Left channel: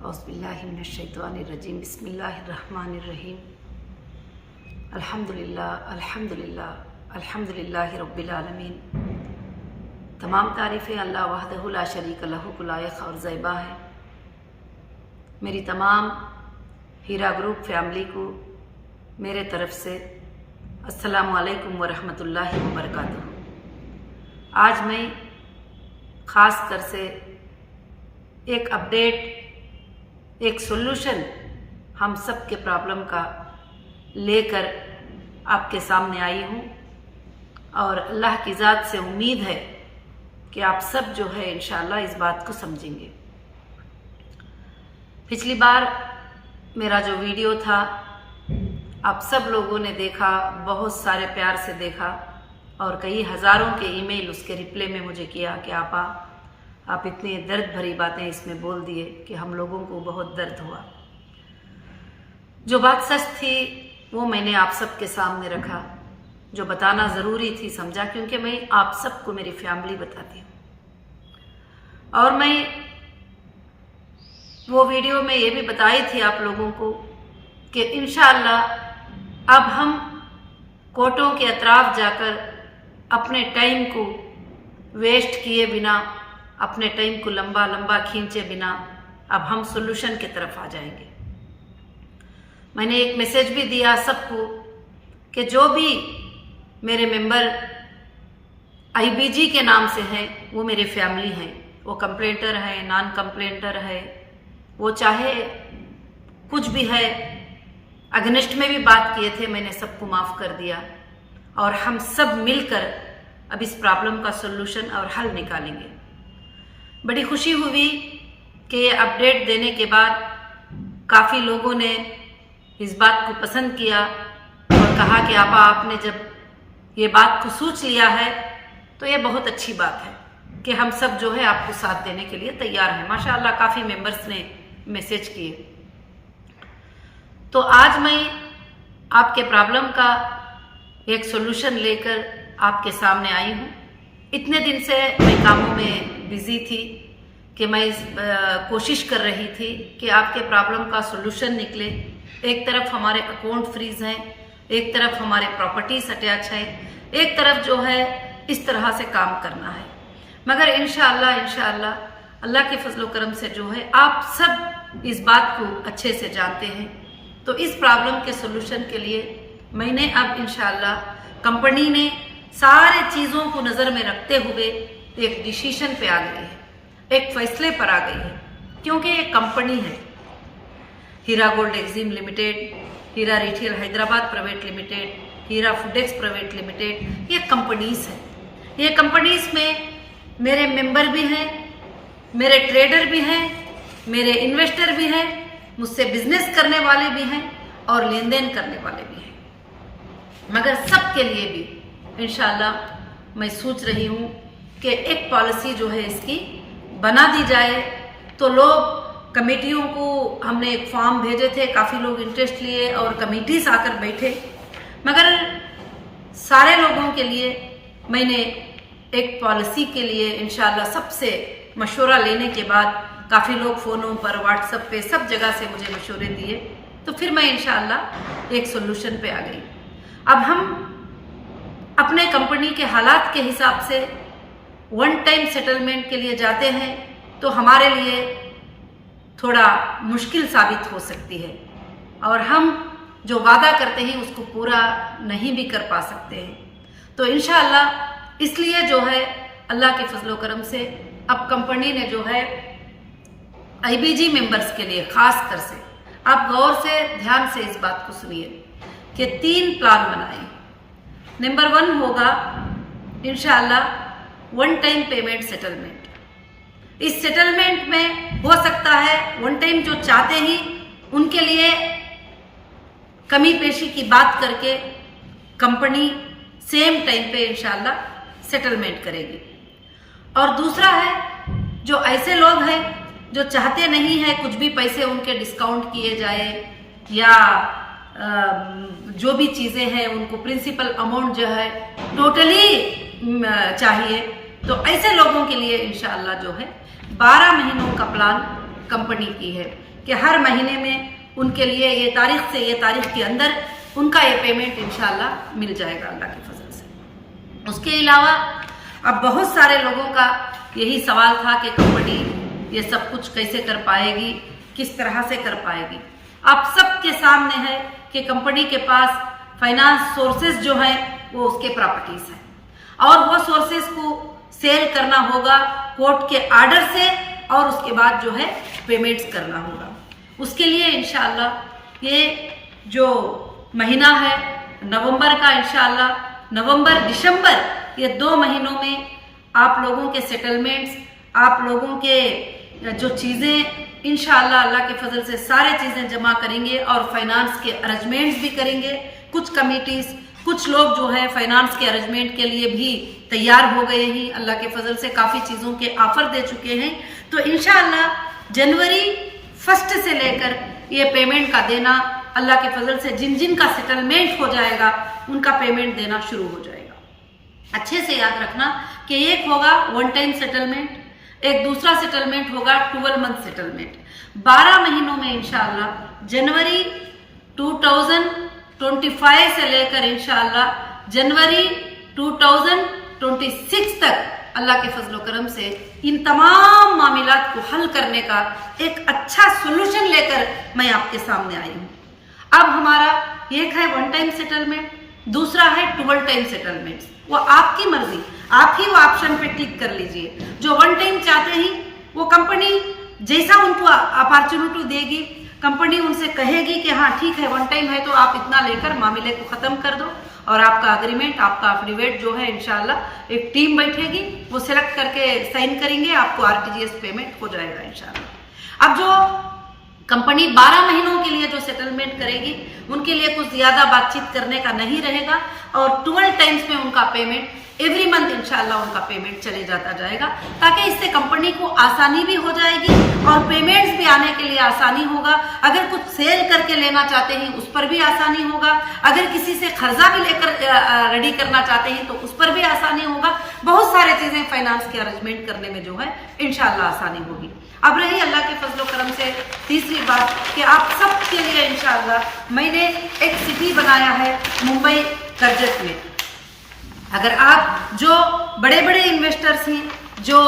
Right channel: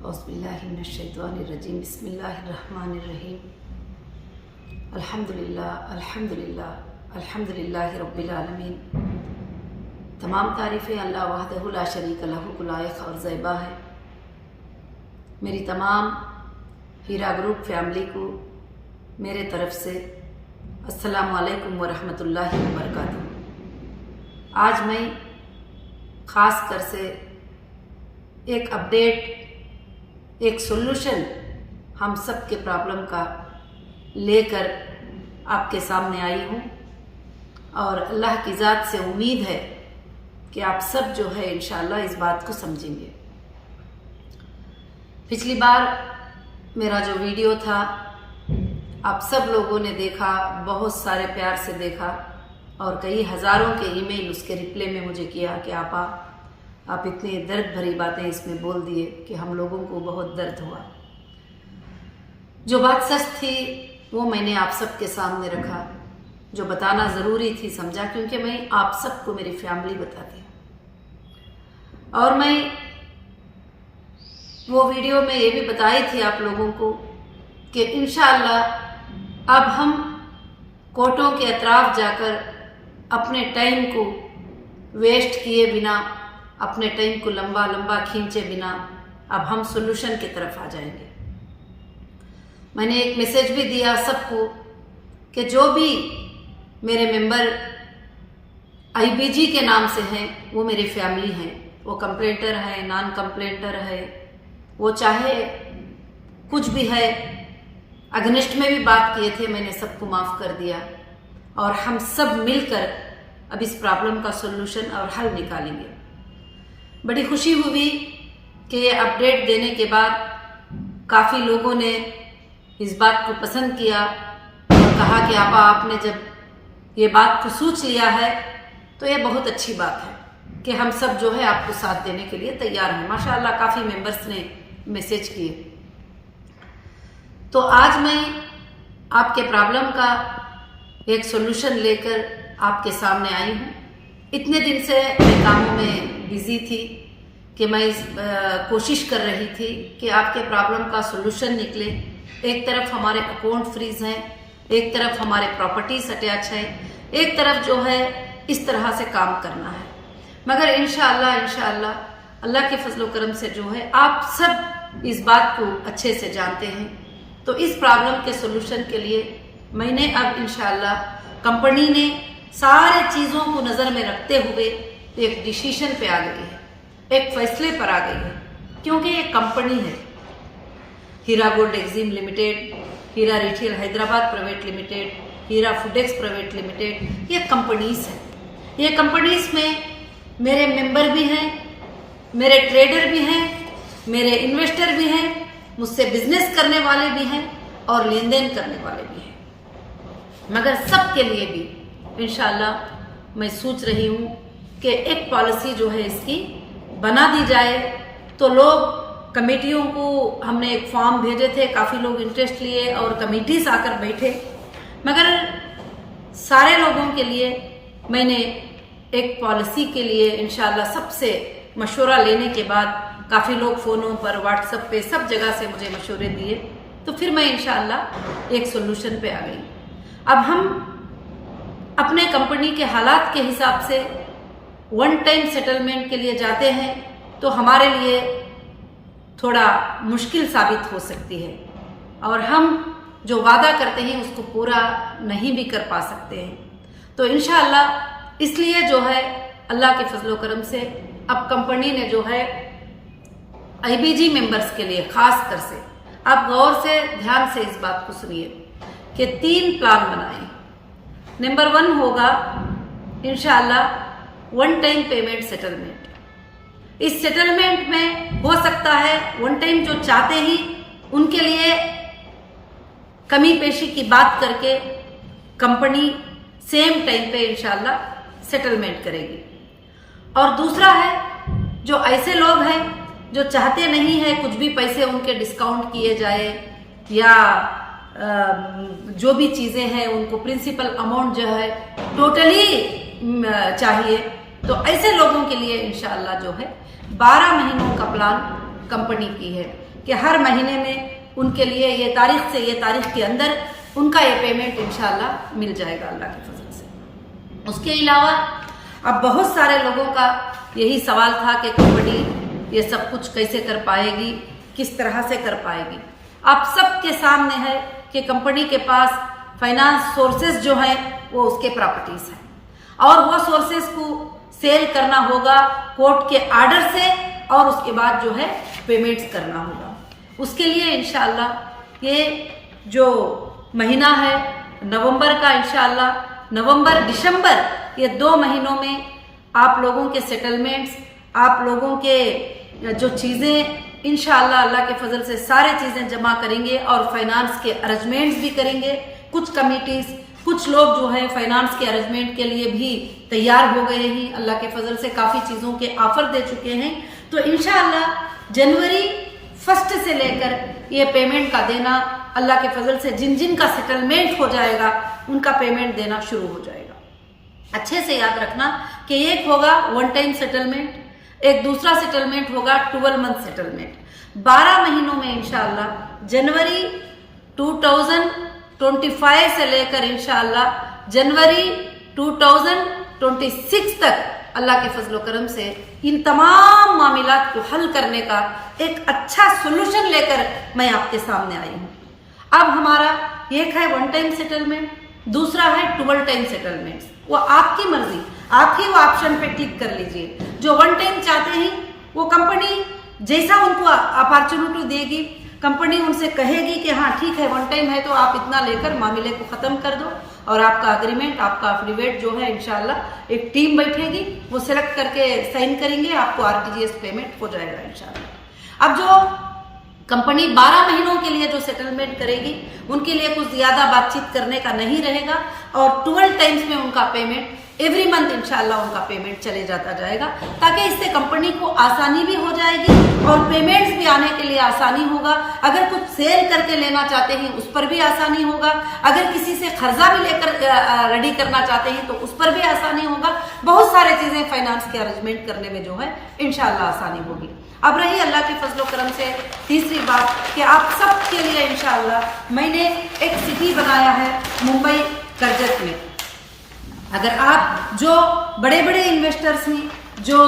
औज़ुबिल्लाहिमिनश्शैतानिर्रजीम बिस्मिल्लाहिर्रहमानिर्रहीम अल्हम्दुलिल्लाह अल्हम्दुलिल्लाह अल्हम्दुलिल्लाहि रब्बिल आलमीन। तमाम तारीफ़ें अल्लाह वहदहु ला शरीक लहु को लायक और ज़ैबा है। मेरी तमाम हीरा ग्रुप फैमिली को मेरे तरफ से अस्सलामु अलैकुम व रहमतुल्लाहि व बरकातुहू। आज मैं ख़ास कर से एक अपडेट, एक सॉल्यूशन हम सब के प्रॉब्लम का लेकर आपके सामने आई हूँ और अल्लाह की ज़ात से उम्मीद है कि आप सब जो है इंशाअल्लाह इस बात को समझेंगे। पिछली बार मेरा जो वीडियो था आप सब लोगों ने देखा, बहुत सारे प्यार से देखा और कई हज़ारों के ईमेल उसके रिप्लाई में मुझे किया कि आप इतनी दर्द भरी बातें इसमें बोल दिए कि हम लोगों को बहुत दर्द हुआ। जो बात सच थी वो मैंने आप सबके सामने रखा, जो बताना ज़रूरी थी समझा, क्योंकि मैं आप सबको मेरी फैमिली बताती हूँ। और मैं वो वीडियो में ये भी बताई थी आप लोगों को कि इंशाअल्लाह अब हम कोर्टों के अतराफ जाकर अपने टाइम को वेस्ट किए बिना, अपने टाइम को लंबा लंबा खींचे बिना अब हम सॉल्यूशन की तरफ आ जाएंगे। मैंने एक मैसेज भी दिया सबको कि जो भी मेरे मेंबर आईबीजी के नाम से हैं वो मेरे फैमिली हैं, वो कंप्लेंटर हैं, नॉन कंप्लेंटर है, वो चाहे कुछ भी है, अगेंस्ट में भी बात किए थे, मैंने सबको माफ़ कर दिया और हम सब मिलकर अब इस प्रॉब्लम का सॉल्यूशन और हल निकालेंगे। बड़ी खुशी हुई कि ये अपडेट देने के बाद काफ़ी लोगों ने इस बात को पसंद किया और कहा कि आपने जब ये बात को सोच लिया है तो ये बहुत अच्छी बात है कि हम सब जो है आपको साथ देने के लिए तैयार हैं। माशाअल्लाह काफ़ी मेंबर्स ने मैसेज किए। तो आज मैं आपके प्रॉब्लम का एक सॉल्यूशन लेकर आपके सामने आई हूँ। इतने दिन से मैं कामों में बिजी थी कि मैं कोशिश कर रही थी कि आपके प्रॉब्लम का सॉल्यूशन निकले। एक तरफ हमारे अकाउंट फ्रीज हैं, एक तरफ हमारे प्रॉपर्टीज अटैच है, एक तरफ जो है इस तरह से काम करना है। मगर इंशाअल्लाह अल्लाह के फजल करम से जो है आप सब इस बात को अच्छे से जानते हैं। तो इस प्रॉब्लम के सॉल्यूशन के लिए मैंने अब इंशाअल्लाह कंपनी ने सारे चीज़ों को नज़र में रखते हुए एक डिसीजन पे आ गई है, एक फैसले पर आ गई है, क्योंकि ये कंपनी है हीरा गोल्ड एक्जिम लिमिटेड, हीरा रिटेल हैदराबाद प्राइवेट लिमिटेड, हीरा फूडेक्स प्राइवेट लिमिटेड, ये कंपनीज है। ये कंपनीज में मेरे मेंबर भी हैं, मेरे ट्रेडर भी हैं, मेरे इन्वेस्टर भी हैं, मुझसे बिजनेस करने वाले भी हैं और लेन देन करने वाले भी हैं। मगर सबके लिए भी इंशाअल्लाह मैं सोच रही हूँ कि एक पॉलिसी जो है इसकी बना दी जाए। तो लोग कमेटियों को हमने एक फॉर्म भेजे थे, काफ़ी लोग इंटरेस्ट लिए और कमेटीज आकर बैठे, मगर सारे लोगों के लिए मैंने एक पॉलिसी के लिए इंशाअल्लाह सबसे मशवरा लेने के बाद काफ़ी लोग फ़ोनों पर, व्हाट्सएप पे, सब जगह से मुझे मशवरे दिए, तो फिर मैं इंशाअल्लाह एक सॉल्यूशन पे आ गई। अब हम अपने कंपनी के हालात के हिसाब से वन टाइम सेटलमेंट के लिए जाते हैं तो हमारे लिए थोड़ा मुश्किल साबित हो सकती है और हम जो वादा करते हैं उसको पूरा नहीं भी कर पा सकते हैं। तो इंशाअल्लाह इसलिए जो है अल्लाह के फजलो करम से अब कंपनी ने जो है आईबीजी मेंबर्स के लिए खास कर से, आप गौर से ध्यान से इस बात को सुनिए कि 3 प्लान बनाए। नंबर 1 होगा इंशाअल्लाह वन टाइम पेमेंट सेटलमेंट। इस सेटलमेंट में हो सकता है वन टाइम जो चाहते ही उनके लिए कमी पेशी की बात करके कंपनी सेम टाइम पे इंशाअल्लाह सेटलमेंट करेगी। और दूसरा है जो ऐसे लोग हैं जो चाहते नहीं है कुछ भी पैसे उनके डिस्काउंट किए जाए या जो भी चीजें हैं उनको प्रिंसिपल अमाउंट जो है टोटली चाहिए, तो ऐसे लोगों के लिए इंशाअल्लाह जो है 12 महीनों का प्लान कंपनी की है। कि हर महीने में उनके लिए ये तारीख से ये तारीख के अंदर उनका ये पेमेंट इंशाल्लाह मिल जाएगा अल्लाह के फजल से। उसके अलावा अब बहुत सारे लोगों का यही सवाल था कि कंपनी ये सब कुछ कैसे कर पाएगी, किस तरह से कर पाएगी। आप सबके सामने है कि कंपनी के पास फाइनेंस सोर्सेज जो हैं वो उसके प्रॉपर्टीज हैं और वो सोर्सेज को सेल करना होगा कोर्ट के आर्डर से और उसके बाद जो है पेमेंट्स करना होगा। उसके लिए इंशाल्लाह ये जो महीना है नवंबर का, इंशाल्लाह नवंबर दिसंबर ये 2 महीनों में आप लोगों के सेटलमेंट्स, आप लोगों के जो चीजें इंशाअल्लाह अल्लाह के फजल से सारे चीजें जमा करेंगे और फाइनेंस के अरेंजमेंट्स भी करेंगे। कुछ कमिटीज, कुछ लोग जो है फाइनेंस के अरेंजमेंट के लिए भी तैयार हो गए हैं, अल्लाह के फजल से काफी चीजों के ऑफर दे चुके हैं। तो इंशाअल्लाह जनवरी 1 से लेकर ये पेमेंट का देना अल्लाह के फजल से जिन जिन का सेटलमेंट हो जाएगा उनका पेमेंट देना शुरू हो जाएगा। अच्छे से याद रखना कि एक होगा 1 टाइम सेटलमेंट, एक दूसरा सेटलमेंट होगा 12 मंथ सेटलमेंट। 12 महीनों में इंशाअल्लाह जनवरी 2025 से लेकर इंशाअल्लाह जनवरी 2026 तक अल्लाह के फजलो करम से इन तमाम मामलात को हल करने का एक अच्छा सोल्यूशन लेकर मैं आपके सामने आई हूं। अब हमारा एक है 1 टाइम सेटलमेंट, दूसरा है 12 टाइम सेटलमेंट। वो आपकी मर्जी, आप ही वो ऑप्शन पे क्लिक कर लीजिए। जो 1 टाइम चाहते हैं वो कंपनी जैसा उनको अपॉर्चुनिटी देगी, कंपनी उनसे कहेगी कि हाँ ठीक है 1 टाइम है तो आप इतना लेकर मामले को खत्म कर दो और आपका अग्रीमेंट, आपका एफिडेविट जो है इंशाल्लाह एक टीम बैठेगी, वो सिलेक्ट करके साइन करेंगे, आपको आरटीजीएस पेमेंट हो जाएगा इंशाल्लाह। अब जो कंपनी 12 महीनों के लिए जो सेटलमेंट करेगी उनके लिए कुछ ज्यादा बातचीत करने का नहीं रहेगा और 12 टाइम्स में उनका पेमेंट एवरी मंथ इंशाल्लाह उनका पेमेंट चले जाता जाएगा, ताकि इससे कंपनी को आसानी भी हो जाएगी और पेमेंट्स भी आने के लिए आसानी होगा। अगर कुछ सेल करके लेना चाहते हैं उस पर भी आसानी होगा, अगर किसी से कर्जा भी लेकर रेडी करना चाहते हैं तो उस पर भी आसानी होगा। बहुत सारे चीजें फाइनेंस के अरेंजमेंट करने में जो है इंशाल्लाह आसानी होगी। अब रही अल्लाह के फजलो करम से तीसरी बात कि आप सबके लिए इंशाल्लाह मैंने एक सिटी बनाया है मुंबई करजत में। अगर आप जो बड़े बड़े इन्वेस्टर्स हैं, जो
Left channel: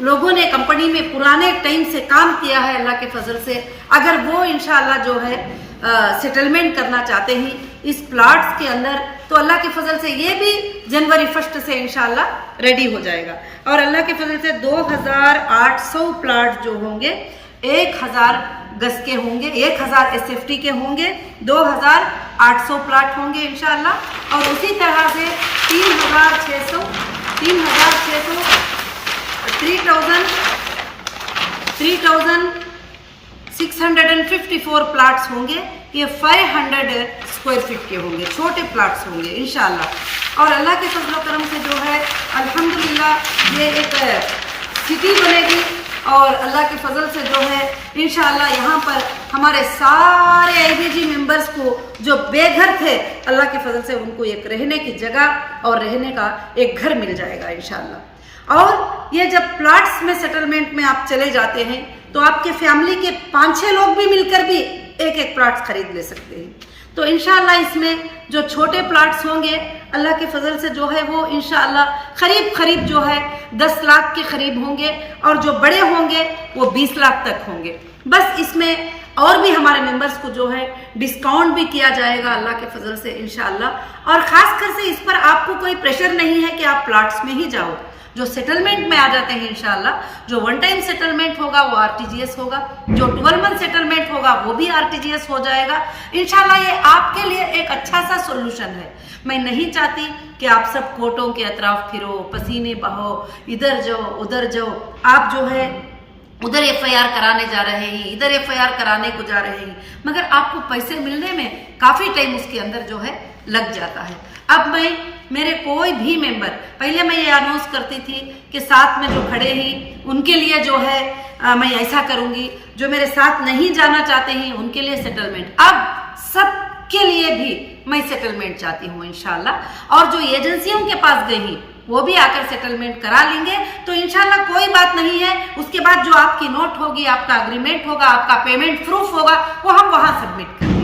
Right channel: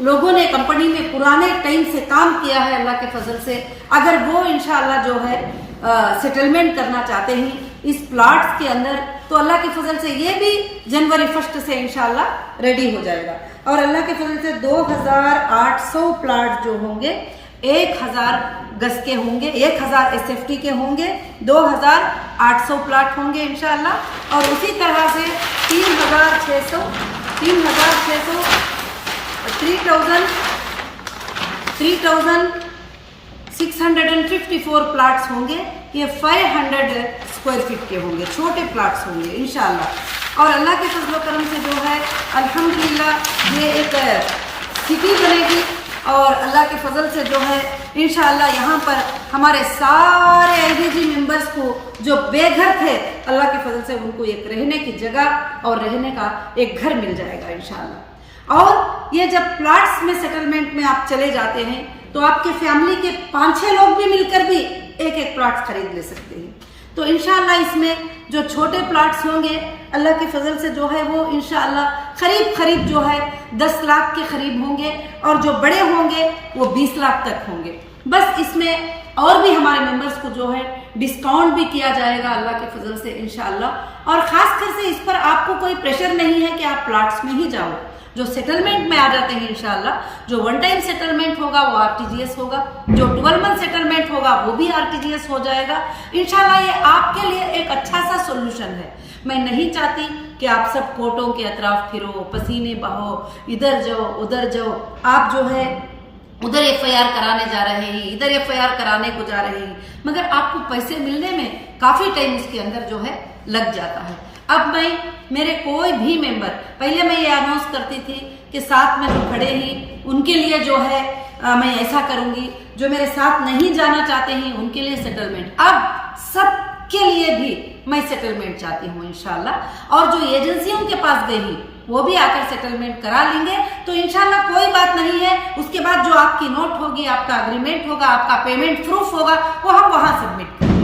लोगों ने कंपनी में पुराने टाइम से काम किया है अल्लाह के फजल से, अगर वो इंशाल्लाह जो है सेटलमेंट करना चाहते हैं इस प्लॉट्स के अंदर, तो अल्लाह के फजल से ये भी जनवरी 1 से इंशाल्लाह रेडी हो जाएगा। और अल्लाह के फजल से 2800 प्लॉट जो होंगे 1000 गज के होंगे, 1000 SFT के होंगे, 2800 प्लॉट होंगे इंशाल्लाह। और उसी तरह से 3600 3654 प्लॉट्स होंगे। ये 500 स्क्वायर फीट के होंगे, छोटे प्लॉट्स होंगे इंशाल्लाह। और अल्लाह के फजल करम से जो है अल्हम्दुलिल्लाह ये एक सिटी बनेगी और अल्लाह के फजल से जो है इंशाल्लाह यहाँ पर हमारे सारे IBG मेंबर्स को जो बेघर थे अल्लाह के फजल से उनको एक रहने की जगह और रहने का एक घर मिल जाएगा इंशाल्लाह। और ये जब प्लॉट्स में सेटलमेंट में आप चले जाते हैं तो आपके फैमिली के 5-6 लोग भी मिलकर भी एक प्लॉट खरीद ले सकते हैं। तो इंशाल्लाह इसमें जो छोटे प्लॉट्स होंगे अल्लाह के फजल से जो है वो इंशाल्लाह करीब जो है 10 लाख के करीब होंगे और जो बड़े होंगे वो 20 लाख तक होंगे। बस इसमें और भी हमारे मेंबर्स को जो है डिस्काउंट भी किया जाएगा अल्लाह के फजल से इंशाल्लाह। और खासकर से इस पर आपको कोई प्रेशर नहीं है कि आप प्लॉट्स में ही जाओ, जो सेटलमेंट में आ जाते हैं इंशाल्लाह। जो 1 टाइम सेटलमेंट होगा वो आरटीजीएस होगा, जो 12 मंथ सेटलमेंट होगा वो भी आरटीजीएस हो जाएगा इंशाल्लाह। ये आपके लिए एक अच्छा सा सोल्यूशन है। मैं नहीं चाहती कि आप सब कोर्टों के अतराफ फिरो, पसीने बहो, इधर जाओ उधर जाओ। आप जो है उधर FIR कराने जा रहे हैं, इधर FIR कराने को जा रहे हैं, मगर आपको पैसे मिलने में काफी टाइम उसके अंदर जो है लग जाता है। अब मैं मेरे कोई भी मेंबर, पहले मैं ये अनाउंस करती थी कि साथ में जो खड़े हैं उनके लिए जो है मैं ऐसा करूंगी, जो मेरे साथ नहीं जाना चाहते हैं उनके लिए सेटलमेंट। अब सबके लिए भी मैं सेटलमेंट चाहती हूँ इंशाल्लाह। और जो एजेंसियों के पास गई वो भी आकर सेटलमेंट करा लेंगे। तो इंशाल्लाह कोई बात नहीं है। उसके बाद जो आपकी नोट होगी, आपका अग्रीमेंट होगा, आपका पेमेंट प्रूफ होगा, वो हम वहां सबमिट कर देंगे।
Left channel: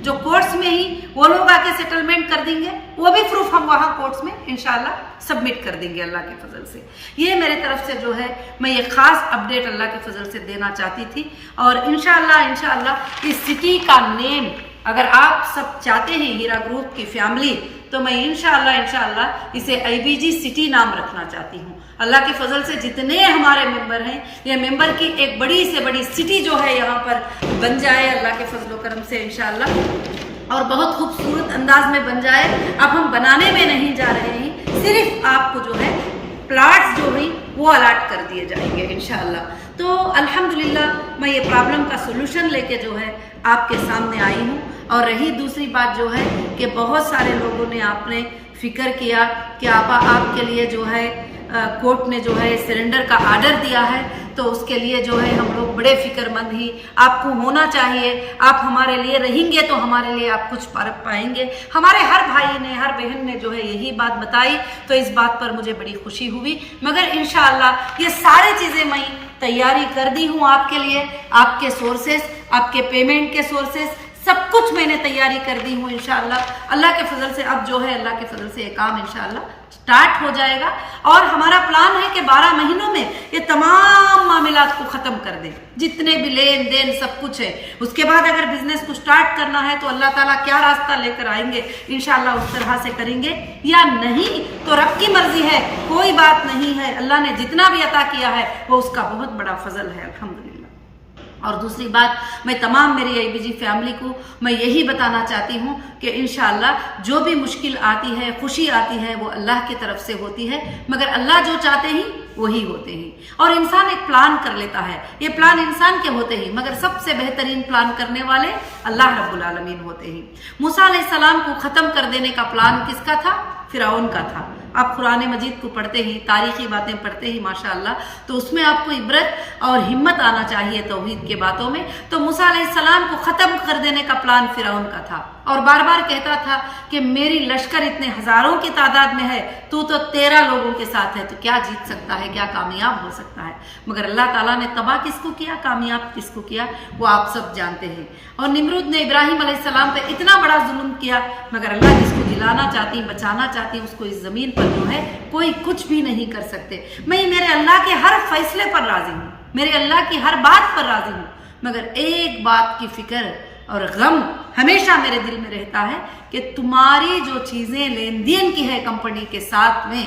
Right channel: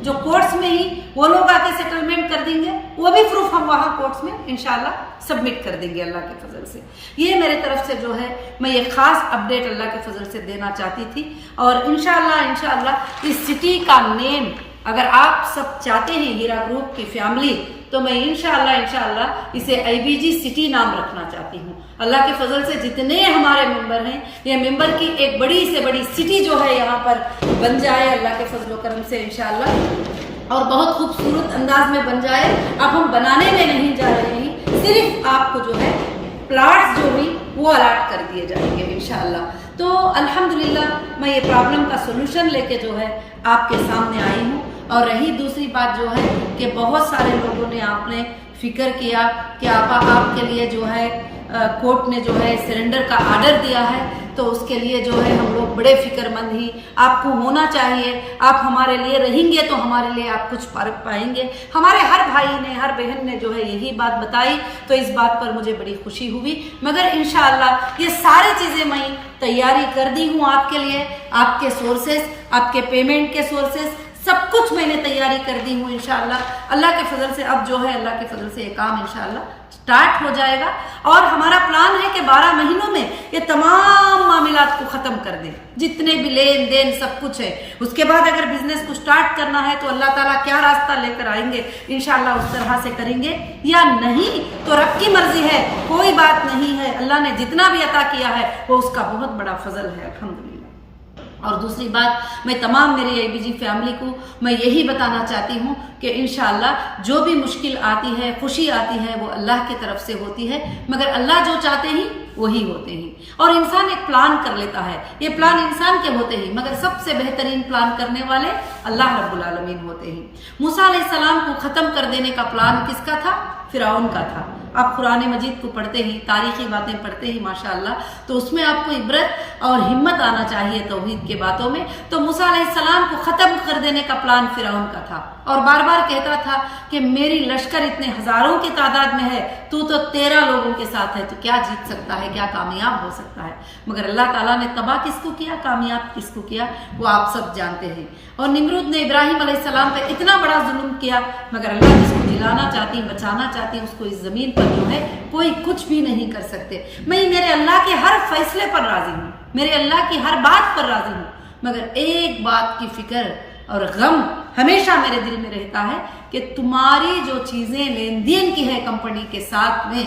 जो कोर्ट्स में ही वो लोग आके सेटलमेंट कर देंगे, वो भी प्रूफ हम वहां कोर्ट्स में इंशाल्लाह सबमिट कर देंगे अल्लाह के फजल से। ये मेरे तरफ से जो है मैं ये खास अपडेट अल्लाह के फजल से देना चाहती थी। और इंशाल्लाह इस सिटी का नेम अगर आप सब चाहते हैं हीरा ग्रुप की फैमिली, तो मैं इंशाल्लाह इसे IBG सिटी नाम रखना चाहती हूँ। अल्लाह के फजल से जितने हमारे मेंबर हैं, ये मेंबर की एक बड़ी से बड़ी सिटी जो है यहाँ पर बन जाए अल्लाह के फजल करम से इंशाल्लाह, और बहुत खूबसूरत अंदाज में बन जाए। अब हम बनाने में नहीं जा रहे हैं, सिर्फ आपको जो है प्लाट्स जो हुई वो अलाट कर दिए जाएंगे इंशाल्लाह। तो अल्हम्दुलिल्लाह मैं ये प्रॉब्लम का सोल्यूशन लेके जो है आपके सामने आई हूँ। और रही दूसरी बात जो है कि बहुत सारे लोगों ने आपने फिक्र किया कि आपके लिए जो है कोर्ट ने जो है सरेंडर का आर्डर दिया है, तो उसके लिए जो है हम लोग बड़े फिक्रमंद ही। आपको होना चाहिए, आप हमारे लिए रहेंगे तो हमारे लिए आप कुछ पाएंगे। हमारे हर भाई ने, हर बहन ने जो है यही बात बताई, तो इस बात पर मुझे बड़ी खुशी हुई। मगर इंशाअल्लाह ये सारी चीजें मैं तैयारी कर दी हूँ आपके लिए, आपके सोर्सेस, आपके पेमेंट के सोर्सेस, सब कुछ मैंने तैयारी कर दी हूँ इंशाअल्लाह। अल्लाह के फजल से अब जो है अल्लाह के फजल से ये काम इंशाअल्लाह स्टार्ट हो जाएगा। और हमारा प्लान है कि 12 महीनों में ये तमाम मामलात को खत्म कर दें, जितने भी लेन देन सब कुछ है। उसके बाद अगर बिजनेस को स्टार्ट करना है तो अल्लाह ताला क्या रास्ता लेकर आएंगे इंशाअल्लाह उस तरह से करेंगे, या नहीं तो रब की मर्जी है, कोई बात नहीं है। अल्लाह ने जितना भी अता किया है वो उसका बहुत बड़ा फजल है अल्हम्दुलिल्लाह। और दूसरी बात, मैं तमाम मेरी IBG फैमिली को मैं यही बताना चाहती हूँ कि इंशाअल्लाह जो भी मुश्किल आती है, खुशी आती है, वो अल्लाह की तरफ से होती है। मगर अल्लाह जो चाहते हैं वही होते हैं। और इंसान एक प्लान कर लेता है, ये प्लान इंसान के होते हैं, मगर सबसे बेहतरीन प्लान करने वाले अल्लाह रब्बुल आलमीन होते हैं। मूसा अलैहिस्सलाम को खत्म कर देने का प्लान किसका था? फिरौन का था। आप कुरान मजीद को पढ़ते ही, तारीखी बातें पढ़ते ही माशाअल्लाह, तो उसमें आपको इबरत और हिम्मत आना चाहिए तौहीद के बातों में। तो मूसा अलैहिस्सलाम को खत्म कर देने का प्लान फिरौन का था, और बार बार कहता था कि मेरी लश्कर इतने हजारों की तादाद में है, तू तो 13 लोगों के साथ है, तो क्या जीत सकता है, क्या कामयाब हो सकता है। मगर अल्लाह ताला ने तबाह किसको किया, कामयाब किसको किया, वो आप सब जानते हैं। और निमरूद ने इब्राहिम अलैहिस्सलाम पे इतना बड़ा जुल्म किया, मगर अल्लाह जिसको जिलाना चाहती, बचाना चाहती, उसको इस जमीन पर जो है कोई कुछ भी नहीं कर सकते। मैं मेरे अल्लाह के हर फैसले पर राजी हूँ, मेरे अल्लाह की हर बात पर राजी हूँ, मगर एक बात की फिक्र और गम हमेशा मेरे दिल में रहता है कि तुम्हारी जो चीजें लेन देन की है कंपनी के साथ में,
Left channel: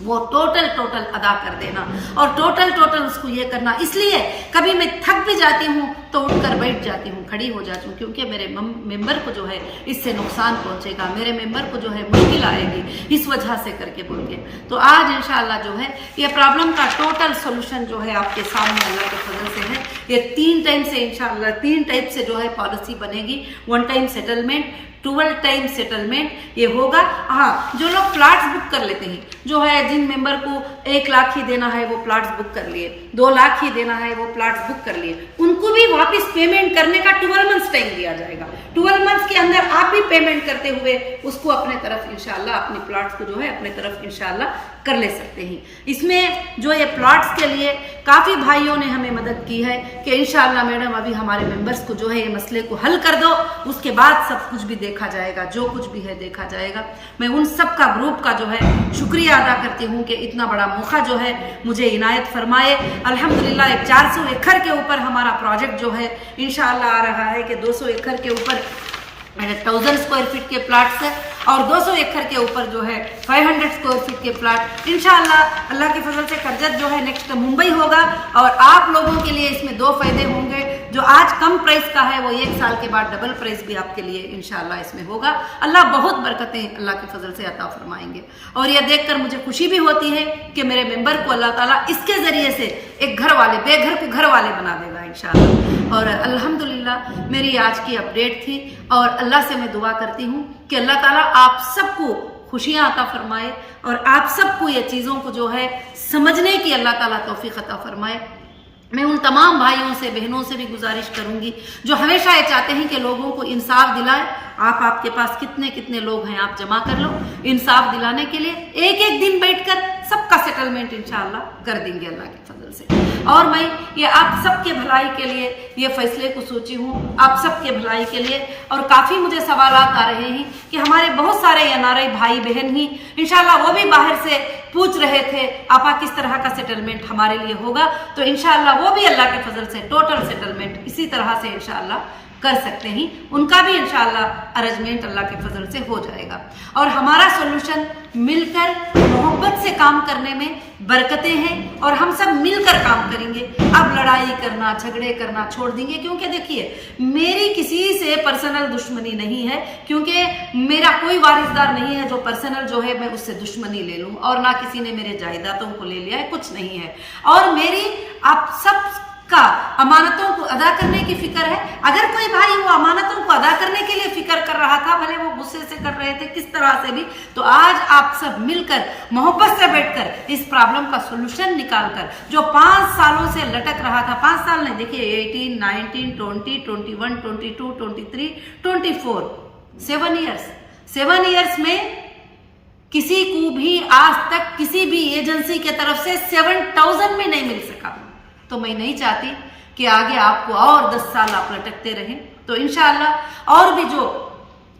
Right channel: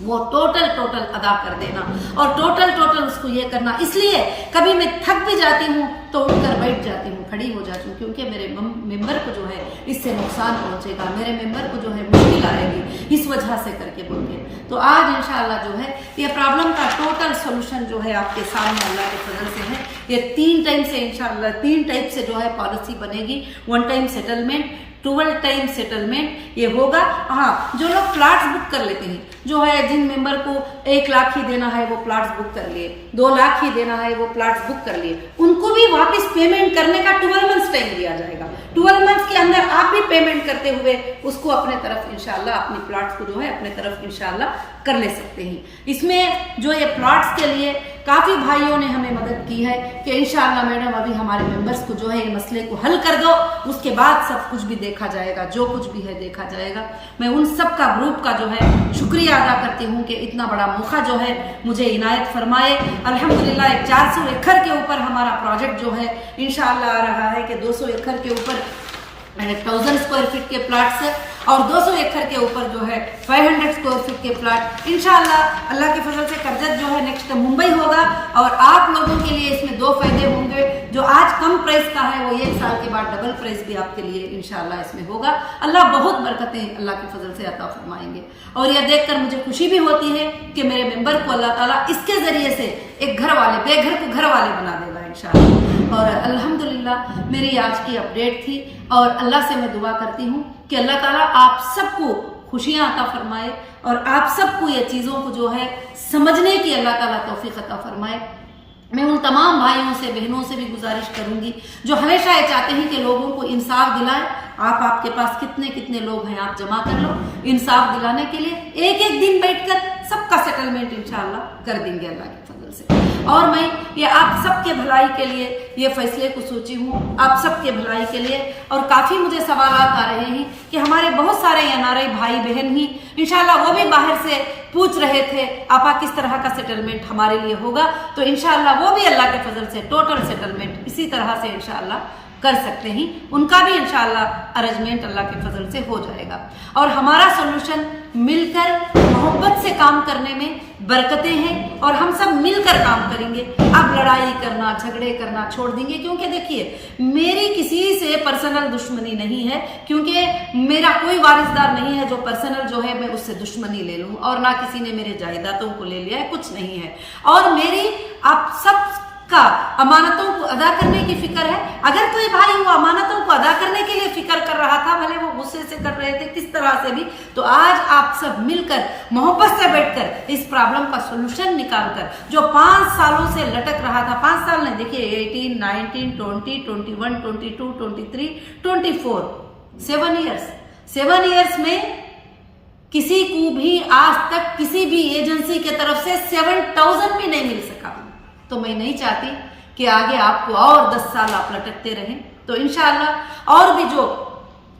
वो टोटल अदा कर देना, और टोटल उसको ये करना। इसलिए कभी मैं थक भी जाती हूँ तो उठकर बैठ जाती हूँ, खड़ी हो जाती हूँ, क्योंकि मेरे मेंबर को जो है इससे नुकसान पहुंचेगा, मेरे मेंबर को जो है मुश्किल आएगी, इस वजह से करके बोल के। तो आज इंशाल्लाह जो है ये प्रॉब्लम का टोटल सोल्यूशन जो है आपके सामने अल्लाह के फजल से है। ये 3 टाइम से इंशाल्लाह 3 टाइप से जो है पॉलिसी बनेगी। 1 टाइम सेटलमेंट, 12 टाइम सेटलमेंट ये होगा। हाँ, जो लोग प्लाट्स बुक कर लेते हैं, जो है जिन मेंबर को 1 लाख ही देना है वो प्लाट्स बुक कर लिए, 2 लाख ही देना है वो प्लाट्स बुक कर लिए, उनको भी वापस पेमेंट करने का 12 मंथ्स टाइम दिया जाएगा। 12 मंथ्स के अंदर आप भी पेमेंट करते हुए उसको अपने तरफ इंशाल्लाह, अपनी प्लाट्स को जो है अपने तरफ इंशाल्लाह कर ले सकते हैं। इसमें जो ये प्लाट्स के लिए काफी भाइयों ने हमें मदद की है कि इंशाल्लाह मैडम अभी हमारे मेंबर्स को जो है ये मसले को हल कर दो, उसके बाद सब कुछ भी देखा जाएगा, जो कुछ भी है देखा जाएगा। मैं उन सब का ग्रुप का जो है शुक्रिया अदा करती हूँ कि इतना बड़ा मौका जो है मुझे इनायत फरमाए। अल्हम्दुलिल्लाह एक 400 एकड़ के ऊपर हमारा प्रोजेक्ट जो है इंशाल्लाह आ रहा है कि 200 एकड़ के ऊपर 1000 स्क्वायर फीट के प्लाट्स है, और 200 एकड़ के ऊपर जो है 500 स्क्वायर फीट के प्लाट इंशाल्लाह अल्लाह के फजल से कर्जत जो है नेक्स्ट मुंबई होगा। और आप लोगों के लिए इसमें 2 फायदे होंगे, जो आज कम प्राइस का है वो 1 साल के बाद डबल प्राइस भी आपके लिए इंशाल्लाह इसमें होगा। अल्लाह बहुत बरकतें अल्लाह के फजल से अता फरमाएंगे। और यह देखकर मुझे खुशी भी होती है कि मेरे मेंबर को अल्लाह ताला इसके जरिए से एक घर वाले, बेघर को घर वाले बना देगा इंशाल्लाह। और अल्हम्दुलिल्लाह मेरी आज की अपडेट थी, और अल्लाह से मैं दुआ करती हूँ कि अल्लाह ताला आप सबको खुशियां अता फरमाए, और आप सबको ये चीजों को जो है समझने की अल्लाह ताला तौफीक अता फरमाए। मैं उन तमाम भाइयों से, बहनों से भी गुजारिश करूंगी जो हमेशा ये चाहते हैं कि लोगों को इंसाफ दिलाए, आपके पास कितने कितने लोग हैं आप जमा कर लो, इंसाफ दिलाने के लिए एक एक दिन बैठकर सबका सेटलमेंट इंशाअल्लाह कर देंगे अल्लाह के फजल से। और मैं ये आप सबके भलाई के लिए ये फैसले को सोची हूँ, आप सबके भलाई के लिए। और काफी मुझे सवालात आ रहे हैं कि हमारे बहुत सारे एनआरआई भाई बहन ही इंशाअल्लाह वो भी बाहर से पूछ रहे थे आपा किस तरह का सेटलमेंट हमारे लिए होगा, तो इंशाअल्लाह वो भी अल्लाह के फजल से टोटल सेटलमेंट इसी तरह से इंशाअल्लाह कर सकते हैं, उनका भी इंशाअल्लाह अरेंजमेंट अल्लाह के फजल से हो जाएगा। और हमारा सोल्यूशन मिलकर मोहब्बत से काम करने में बरकतें हैं और हम सब मिलकर काम करेंगे। अब लड़ाई करना झगड़े करना छोड़ देंगे, क्योंकि देखिए मेरी किसी से पर्सनल दुश्मनी नहीं है, क्योंकि मेरा कोई वारिसदार नहीं है जो पर्सनल जो है मैं उससे दुश्मनी ले लूं, और ना किसी ने मेरे जायदादों को ले लिया है, कुछ नहीं है। और मेरी आप सब का अमानतों को अदा करने की फिक्र है। अगर कोई भाई वो अमानतों को अदा करने के लिए फिक्र कर रहा था, भले वो गुस्से से कर रहे थे किस तरह से भी, तो आज आप सब मिलकर मोहब्बत से बैठकर इस प्रॉब्लम का सोल्यूशन निकालकर, जो 5 सालों से लटक रहा था, 5 साल नहीं देखिए 18, 19, 20, 21, 22, 23, 24, 7 ईयर्स में किसी को भी आज तक किसी भी एजेंसी के तरफ से 7,000 भी नहीं मिल सका। तो मैं नहीं चाहती कि आगे आपको और 10 साल आप लटकते रहें। तो इंशाअल्लाह और भी जो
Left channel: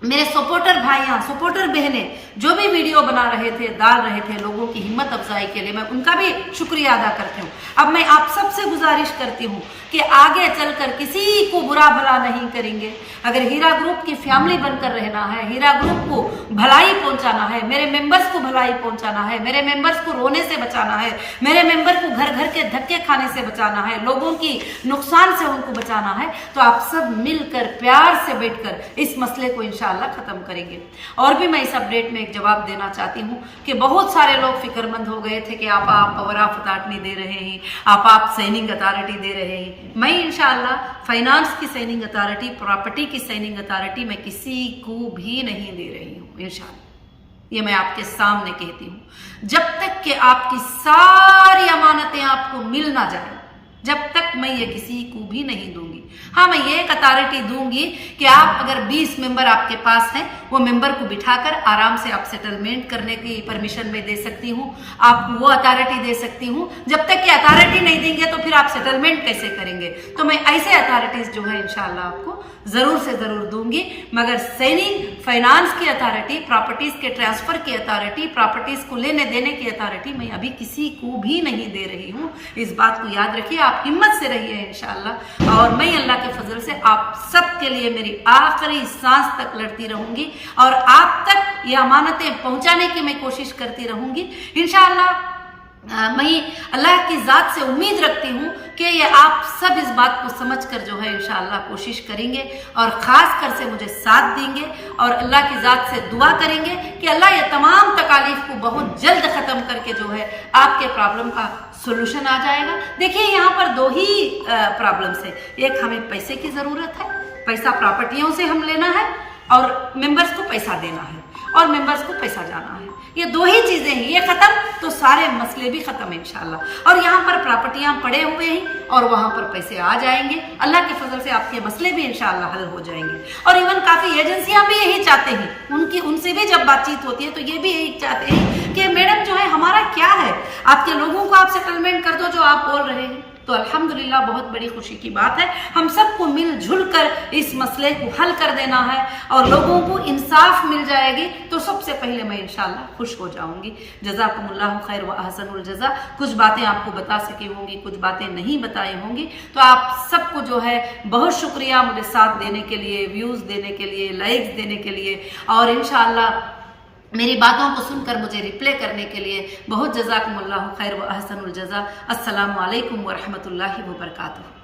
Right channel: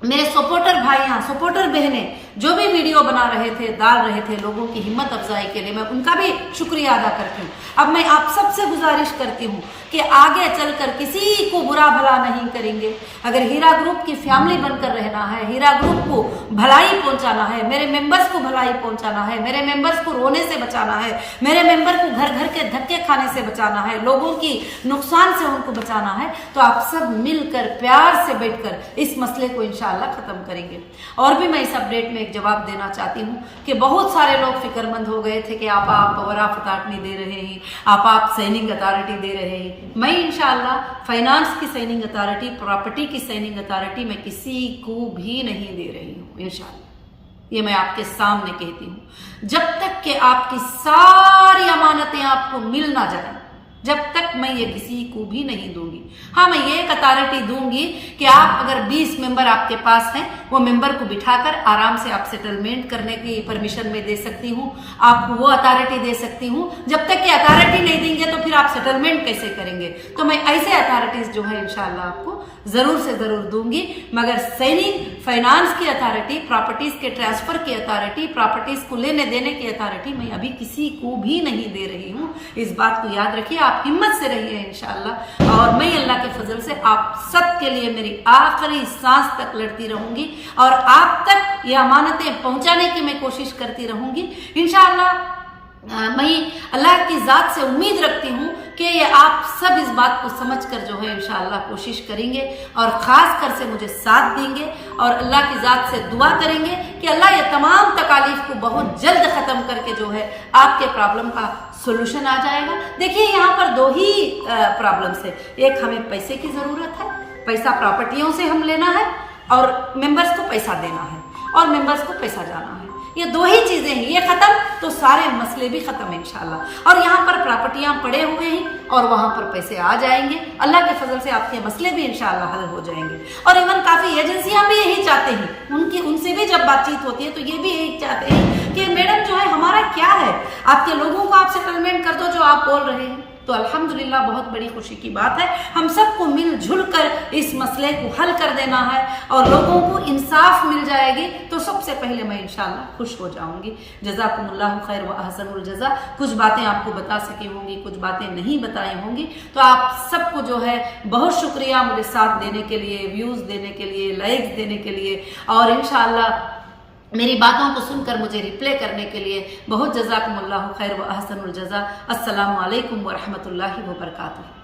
मेरे सपोर्टर भाइयां सपोर्टर बहनें जो भी वीडियो बना रहे थे डाल रहे थे लोगों की हिम्मत अफजाई के लिए, मैं उनका भी शुक्रिया अदा करती हूँ। अब मैं आप सबसे गुजारिश करती हूँ कि आगे चलकर किसी को बुरा भला नहीं करेंगे। अगर हीरा ग्रुप की फैमिली बनकर रहना है, हीरा ग्रुप को भलाई पहुंचाना है, मेरे मेंबर्स को भलाई पहुंचाना है, मेरे मेंबर्स को रोने से बचाना है, मेरे मेंबर को घर घर के धक्के खाने से बचाना है, लोगों की नुकसान से उनको बचाना है, तो आप सब मिलकर प्यार से बैठकर इस मसले को इंशाअल्लाह खत्म करेंगे। और भी मैं इस अपडेट में एक जवाब देना चाहती हूँ कि बहुत सारे लोग फिक्रमंद हो गए थे कि आप पावर ऑफ अथॉरिटी दे रहे हैं, आप साइनिंग अथॉरिटी दे रहे हैं। मैं इंशाअल्लाह फाइनेंस की साइनिंग अथॉरिटी, प्रॉपर्टी की साइनिंग अथॉरिटी मैं किसी को भी नहीं दे रही हूँ इंशाअल्लाह। ये मैं आपके सामने कहती हूँ। जब तक कि आपकी सारी अमानतें आपको मिल ना जाए, जब तक मैं ये किसी को भी नहीं दूंगी। हाँ, मैं ये एक अथॉरिटी दूंगी कि आप अगर 20 मेंबर आपके पास हैं, वो मेंबर को बिठाकर आराम से आप सेटलमेंट करने की परमिशन में दे सकती हूँ, आपको वो अथॉरिटी दे सकती हूँ। जब तक कि अथॉरिटी नहीं देंगे तो फिर आप सेटलमेंट कैसे करेंगे? तो मैं ऐसे अथॉरिटीज जो है इंशाल्लाह आपको जरूर से जरूर दूंगी। मगर साइनिंग फाइनेंस की अथॉरिटी, प्रॉपर्टीज के ट्रांसफर की अथॉरिटी, प्रॉपर्टीज को लेने देने की अथॉरिटी मैं अभी किसी को भी नहीं दे रही हूँ। इस बात को याद रखिए, आप हिम्मत से रहिए इंशाअल्लाह। और मैं अल्लाह के फजल से आप सबके लिए मेरी आखिरी सांस तक लड़ती रहूंगी और आप तक ये अमानतें पहुंचाने की मैं कोशिश करती रहूंगी इंशाअल्लाह। मैं अल्लाह की जात से उम्मीद रखती हूँ कि ये आप सब इस बात को समझकर जो है इंशाअल्लाह कोशिश करेंगे और खास कर से मुझे साथ देंगे और अल्लाह की जात से दुआ करेंगे कि अल्लाह ये तमाम तकालीफ को बहुत जल्द खत्म करके जो है आपके प्रॉब्लम का सोल्यूशन आ जाएगा। देखिए यहाँ पर 2 ही प्रॉब्लम्स है। एक, हमें पैसे की जरूरत है, पैसा प्रॉपर्टियों से हम लेना है और मेंबर्स को पैसा देना है और मेंबर्स को पैसा जाना है। ये 2 ही चीजें हैं, ये खत्म तो सारे मसले भी खत्म है इंशाअल्लाह। और यहाँ पर प्रॉपर्टियां पड़े हुए हैं और वहां पर पैसे आ जाएंगे। अल्लाह के फजल से आपके मसले भी इंशाअल्लाह हल हो जाएंगे। और इवन काफी एजेंसियां भी यही चाहते हैं, उनसे भी जब बातचीत होती है तो ये भी यही चाहते हैं कि मैडम जो है हमारा क्या है, आपके लोगों को आप सेटलमेंट कर दो जो आप बोल रहे हैं। तो अल्हम्दुलिल्लाह बहुत बड़ी खुशी की बात है, हम सबको मिलजुल कर इस मसले को हल कर देना है और लोगों को इंसाफ मिल जाएगी तो सबसे पहले मैं इंशाअल्लाह खुश हो जाऊंगी। जज़ाकुमुल्लाहु खैर व अहसनुल जज़ा। कुछ बातें आपको बता सकी होंगी, कुछ बातें नहीं बताई होंगी, तो आप सबको जो है बहुत शुक्रिया मुझे साथ देने के लिए, व्यूज देने के लिए, लाइक्स देने के लिए और इंशाअल्लाह मेरी बातों को सुनकर मुझे रिप्ले करने के लिए बहुत जज़ाकुमुल्लाहु खैर व अहसनुल जज़ा। अस्सलामु अलैकुम व रहमतुल्लाहि व बरकातुहू।